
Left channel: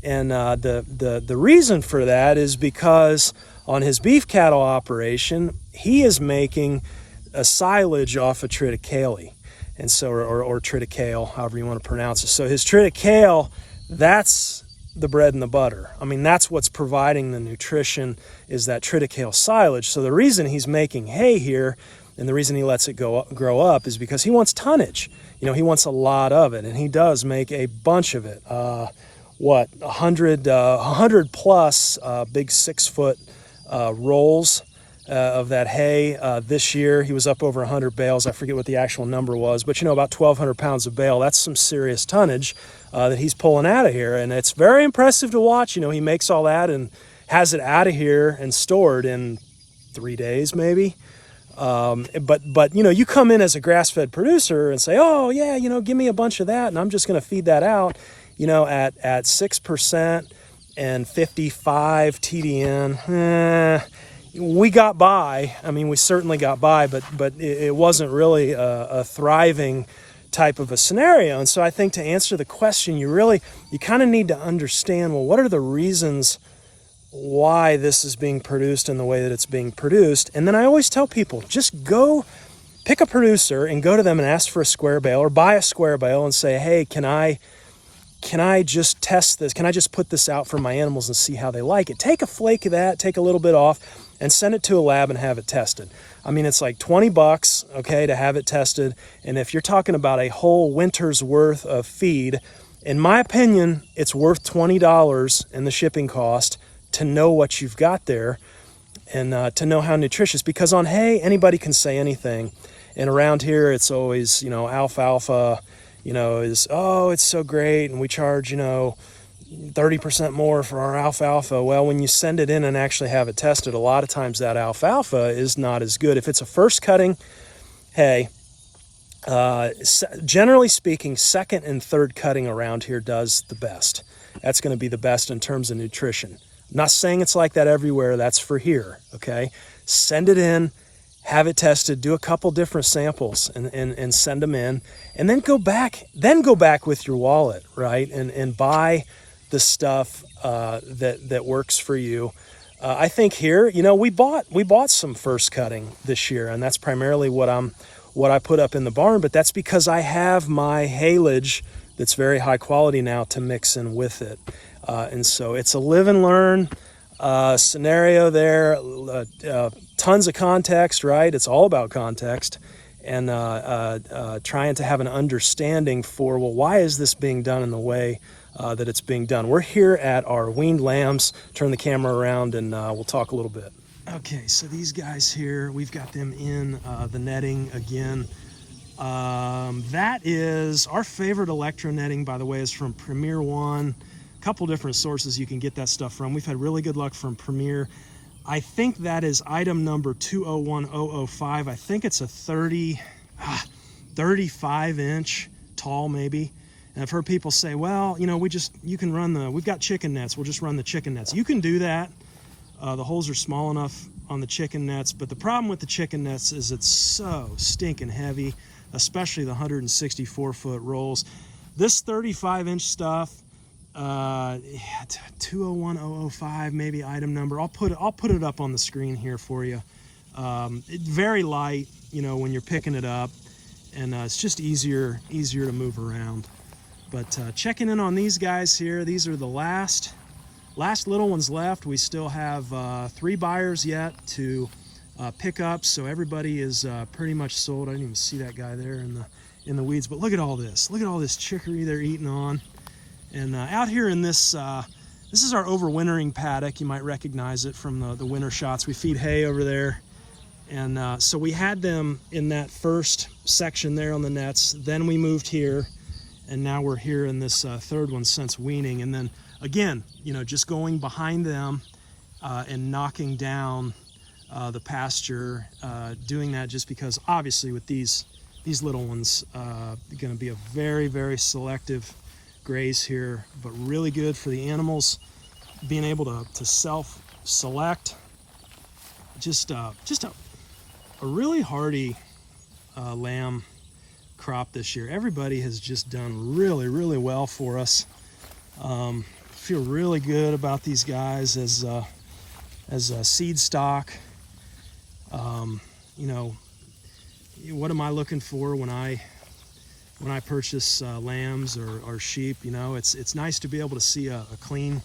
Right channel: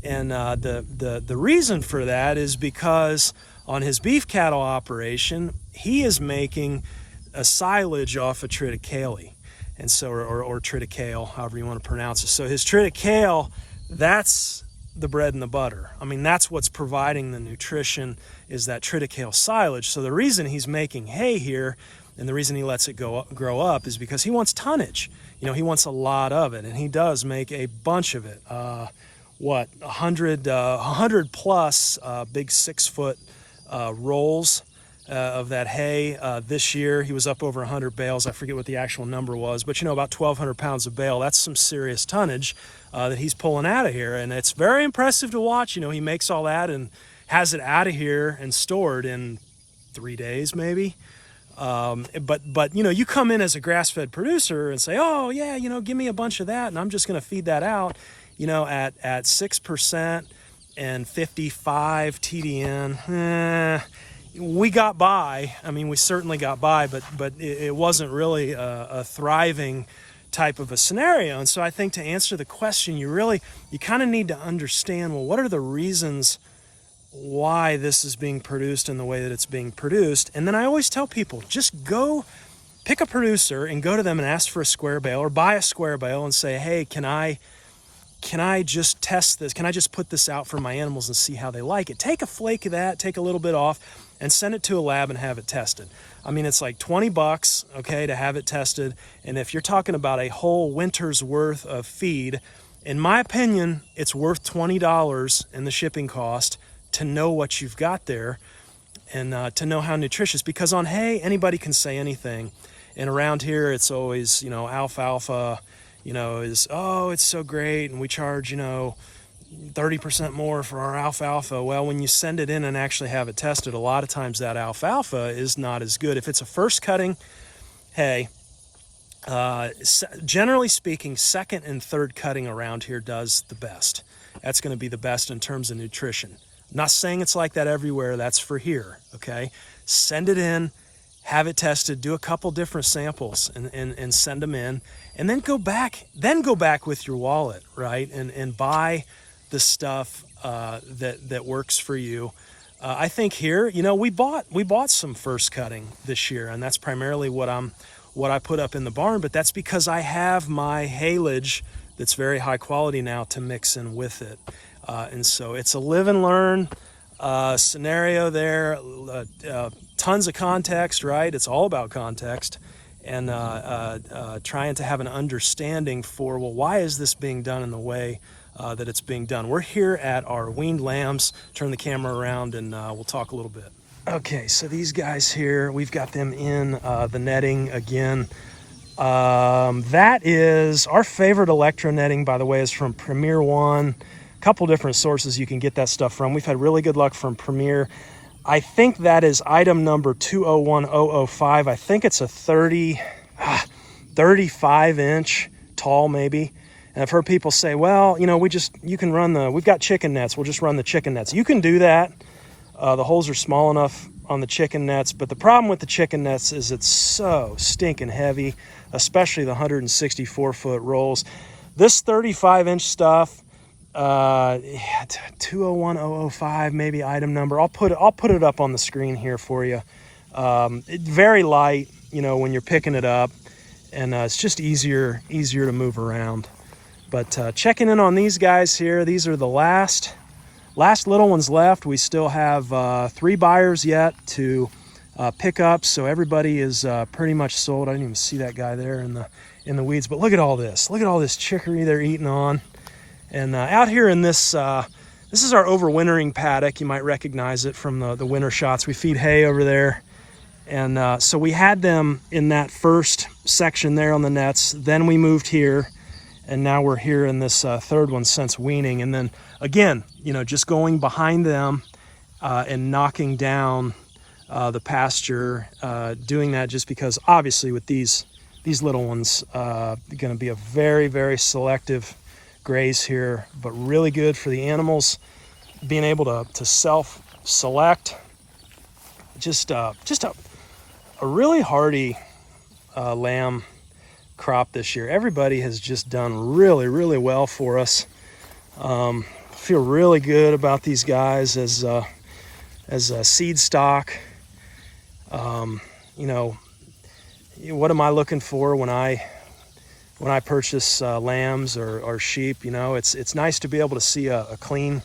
and the reason for that is because on his beef cattle operation, he is making a silage off of triticale, and so or triticale, however you want to pronounce it. So his triticale, that's the bread and the butter. I mean, that's what's providing the nutrition, is that triticale silage. So the reason he's making hay here, and the reason he lets it grow up, is because he wants tonnage. He wants a lot of it, and he does make a bunch of it. 100 plus big 6-foot rolls of that hay. This year he was up over 100 bales. I forget what the actual number was, but about 1,200 pounds of bale. That's some serious tonnage that he's pulling out of here, and it's very impressive to watch. He makes all that and has it out of here and stored in 3 days maybe. But you come in as a grass-fed producer and say, oh yeah, give me a bunch of that, and I'm just going to feed that out, at 6% and 55 TDN. We got by. I mean, we certainly got by, but it wasn't really a thriving type of a scenario. And so I think to answer the question, you kind of need to understand, what are the reasons why this is being produced in the way that it's being produced? And then I always tell people, just go pick a producer and go to them and ask for a square bale or buy a square bale and say, hey, can I just test this? Can I just put this out for my animals and see how they like it? Take a flake of that, take a little bit off, and send it to a lab and have it tested. I mean, it's like $20, okay, to have it tested. And if you're talking about a whole winter's worth of feed, in my opinion, it's worth $20 in the shipping cost to know what you've got there and to know how nutritious. Because on hay, anybody can say anything. And around here, it's always, alfalfa, it's so great, and we charge, 30% more for our alfalfa. Well, when you send it in and actually have it tested, a lot of times that alfalfa is not as good. If it's a first cutting hay, generally speaking, second and third cutting around here does the best. That's going to be the best in terms of nutrition. I'm not saying it's like that everywhere. That's for here, okay? Send it in, have it tested, do a couple different samples and send them in, and then go back with your wallet, right? And buy the stuff that works for you. I think here, we bought some first cutting this year, and that's primarily what I put up in the barn, but that's because I have my haylage that's very high quality now to mix in with it. And so it's a live and learn scenario there. Tons of context, right? It's all about context, and trying to have an understanding for, well, why is this being done in the way that it's being done? We're here at our weaned lambs. Turn the camera around and we'll talk a little bit. Okay, so these guys here, we've got them in the netting again. That is our favorite electro netting, by the way, is from Premier One. A couple different sources you can get that stuff from. We've had really good luck from Premier. I think that is item number 201005. I think it's a 35 inch tall maybe. And I've heard people say, well, you can run we've got chicken nets. We'll just run the chicken nets. You can do that. The holes are small enough on the chicken nets, but the problem with the chicken nets is it's so stinking heavy, especially the 164-foot rolls. This 35-inch stuff, 201005, maybe item number. I'll put it up on the screen here for you. Very light, when you're picking it up, and it's just easier to move around. But checking in on these guys here, these are the last little ones left. We still have 3 buyers yet to pick up, so everybody is pretty much sold. I didn't even see that guy there in the weeds, but look at all this. Look at all this chicory they're eating on. And out here in this is our overwintering paddock. You might recognize it from the winter shots. We feed hay over there. And so we had them in that first section there on the nets. Then we moved here, and now we're here in this third one since weaning. And then again, just going behind them and knocking down the pasture, doing that just because obviously with these little ones, going to be a very, very selective graze here, but really good for the animals, being able to self-select. Just a really hardy lamb crop this year. Everybody has just done really, really well for us. Feel really good about these guys as a seed stock. What am I looking for when I purchase lambs or sheep? It's nice to be able to see a clean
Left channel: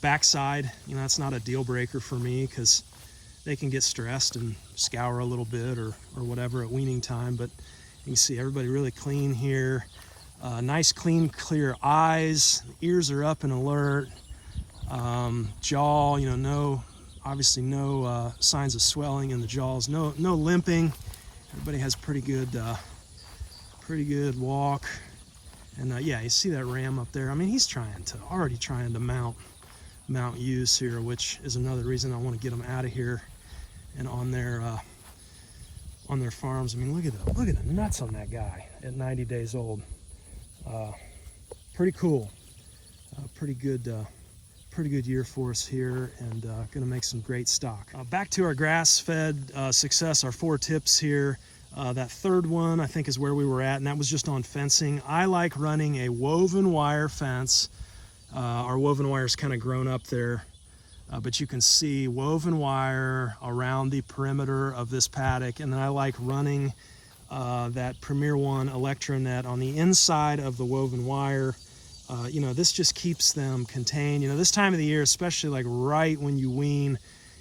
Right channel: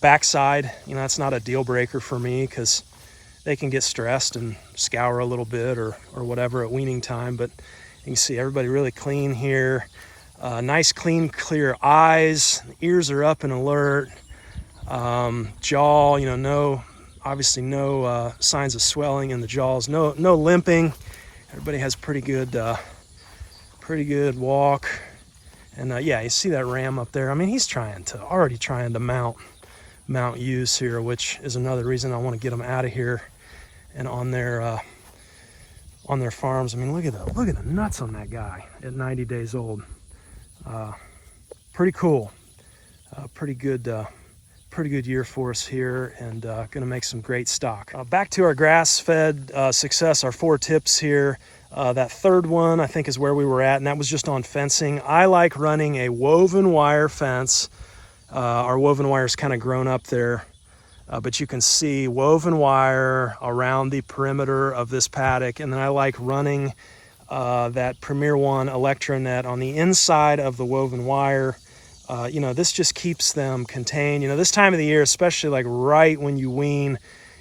backside. That's not a deal breaker for me because they can get stressed and scour a little bit or whatever at weaning time. But you can see everybody really clean here. Nice, clean, clear eyes. Ears are up and alert. Jaw, obviously no signs of swelling in the jaws. No limping. Everybody has pretty good walk. And yeah, you see that ram up there. I mean, he's already trying to mount ewes here, which is another reason I want to get them out of here and on their farms. I mean, look at the nuts on that guy at 90 days old. Pretty cool. Pretty good year for us here, and going to make some great stock. Back to our grass-fed success, our 4 tips here. That third one, I think, is where we were at, and that was just on fencing. I like running a woven wire fence. Our woven wire is kind of grown up there, but you can see woven wire around the perimeter of this paddock. And then I like running that Premier One Electronet on the inside of the woven wire. You know, this just keeps them contained. You know, this time of the year, especially like right when you wean,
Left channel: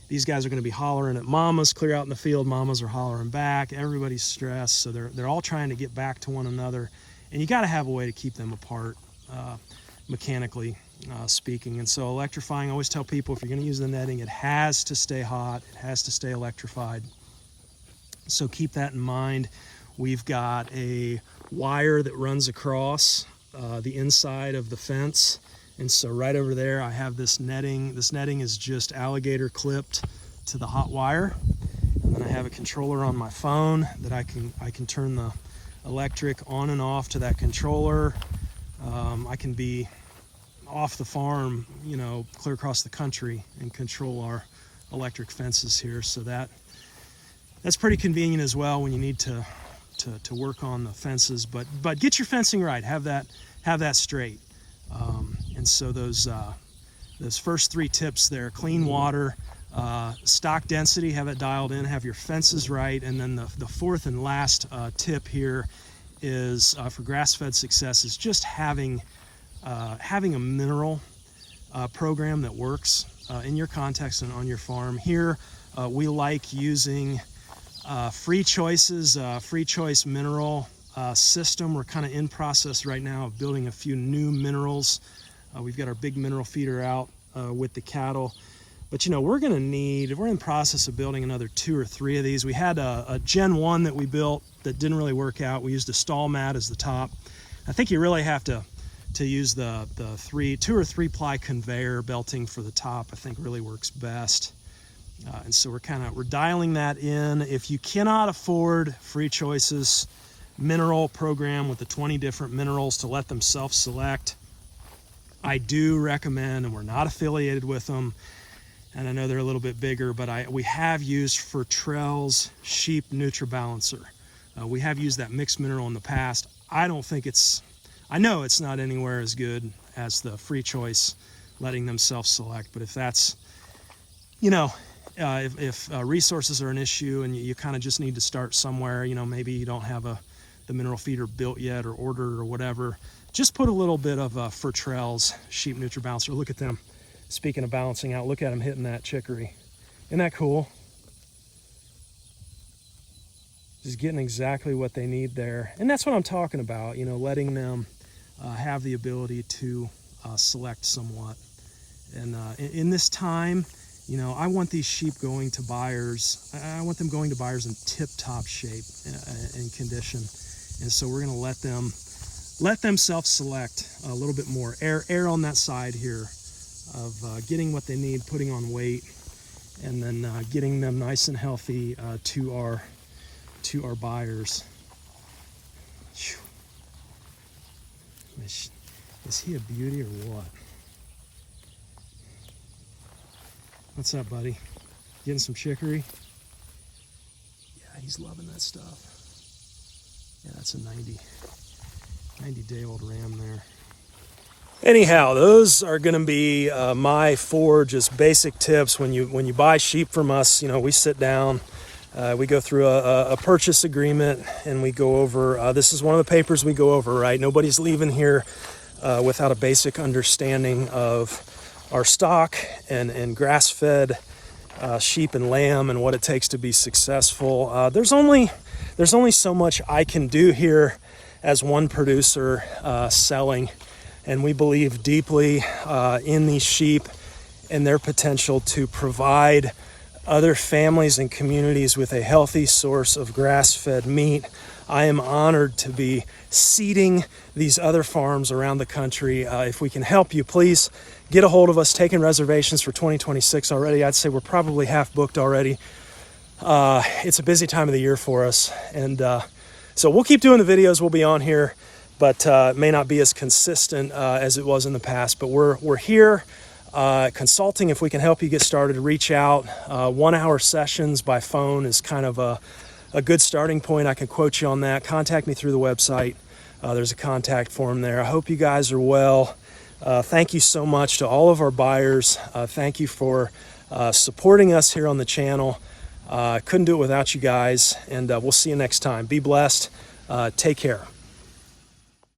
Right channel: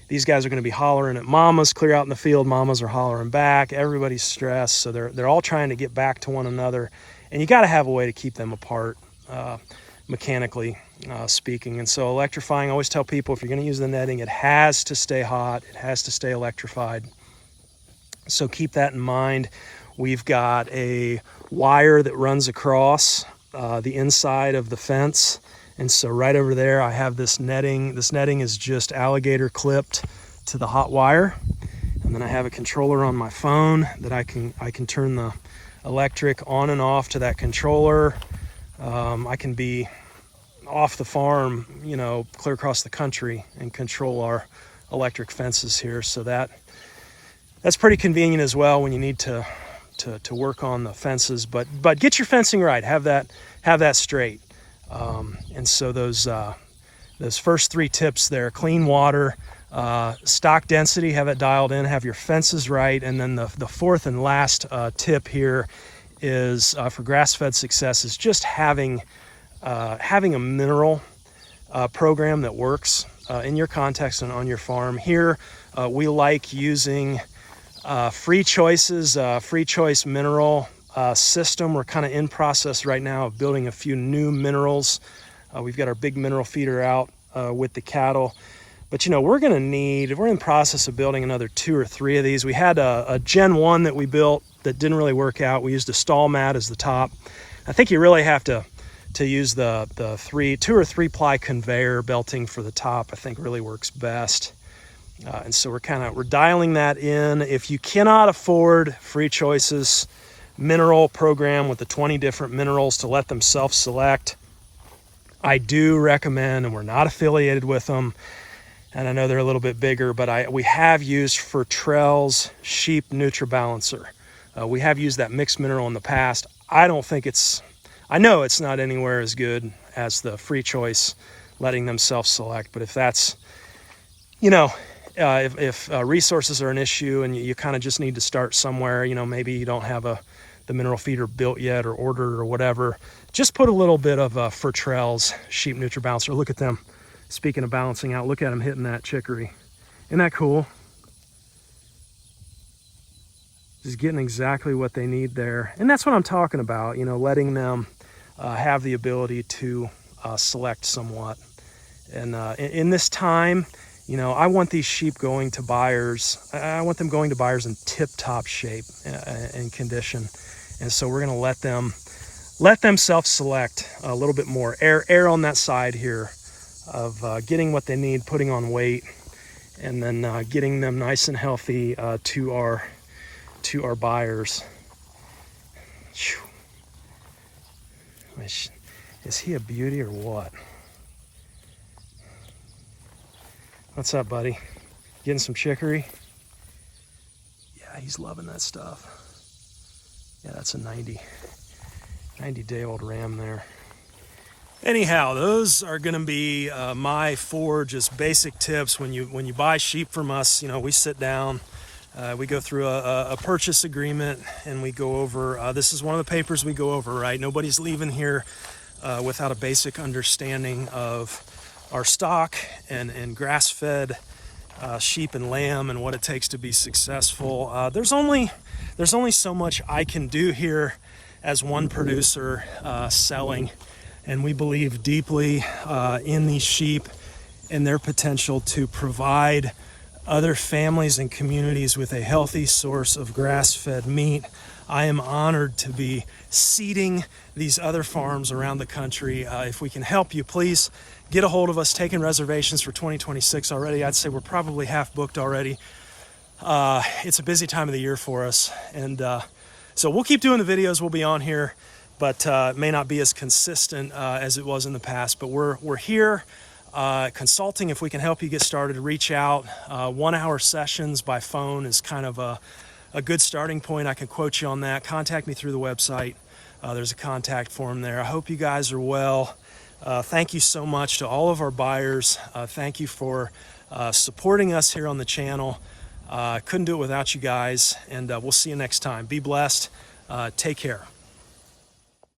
these guys are going to be hollering at mamas. Clear out in the field, mamas are hollering back. Everybody's stressed, so they're all trying to get back to one another, and you got to have a way to keep them apart, mechanically speaking. And so electrifying, I always tell people, if you're going to use the netting, it has to stay hot, it has to stay electrified. So keep that in mind. We've got a wire that runs across the inside of the fence, and so right over there I have this netting. This netting is just alligator clipped to the hot wire, and then I have a controller on my phone that I can turn the electric on and off to that controller. I can be off the farm, you know, clear across the country and control our electric fences here. So that's pretty convenient as well when you need to work on the fences, but get your fencing right, have that straight. And so those first 3 tips there: clean water, stock density, have it dialed in, have your fences right. And then the 4th and last tip here is for grass-fed success is just having a mineral program that works in your context and on your farm. Here we like using Free Choice's Free Choice mineral system. We're kind of in process right now of building a few new minerals. We've got our big mineral feeder out with the cattle, but you know, we're in process of building another 2 or 3 of these. We had a Gen 1 that we built that didn't really work out. We used a stall mat as the top. I think you really have to use the 2 or 3 ply conveyor belting for the top. I think really works best. And so we're dialing that in. If you cannot afford Free Choice's mineral program with the 20 different minerals to let them self-select, I do recommend, and we're not affiliated with them, and I know they're a little bit bigger, but we have used Fertrell's Sheep NutriBalancer. We have used that mixed mineral in the past. I know it's not anywhere as good as the Free Choice letting them self-select, but if that's, you know, if resources are an issue and you kind of just need to start somewhere, you know, maybe you don't have the mineral feeder built yet or ordered or whatever, just put a little bit of Fertrell's Sheep NutriBalancer. Look at them. Speaking of balancing out, look at them hitting that chicory. Isn't that cool? Just getting exactly what they need there. And that's what I'm talking about, you know, letting them have the ability to select somewhat. And in this time, you know, I want these sheep going to buyers. I want them going to buyers in tip-top shape and condition. And so we're going to let them self-select a little bit more. Err on that side here of getting what they need, putting on weight, and then getting them nice and healthy to our buyers. Is he a beauty or what? What's up, buddy? Getting some chicory? Yeah, he's loving that stuff. Yeah, that's a 90-day-old ram there. Anyhow, those are going to be my 4 just basic tips when you buy sheep from us. You know, we sit down, we go through a purchase agreement, and we go over. This is one of the papers we go over. Right? Nobody's leaving here without a basic understanding of our stock and grass-fed sheep and lamb and what it takes to be successful. There's only so much I can do here as one producer selling, and we believe deeply in these sheep and their potential to provide other families and communities with a healthy source of grass-fed meat. I am honored to be seeding these other farms around the country. If we can help you, please get a hold of us. Taking reservations for 2026 already. I'd say we're probably half booked already. It's a busy time of the year for us, and so we'll keep doing the videos. We'll be on here, but it may not be as consistent as it was in the past. But we're here consulting. If we can help you get started, reach out. 1-hour sessions by phone is kind of a good starting point. I can quote you on that. Contact me through the website. There's a contact form there. I hope you guys are well. Thank you so much to all of our buyers. Thank you for supporting us here on the channel. Couldn't do it without you guys, and we'll see you next time. Be blessed. Take care.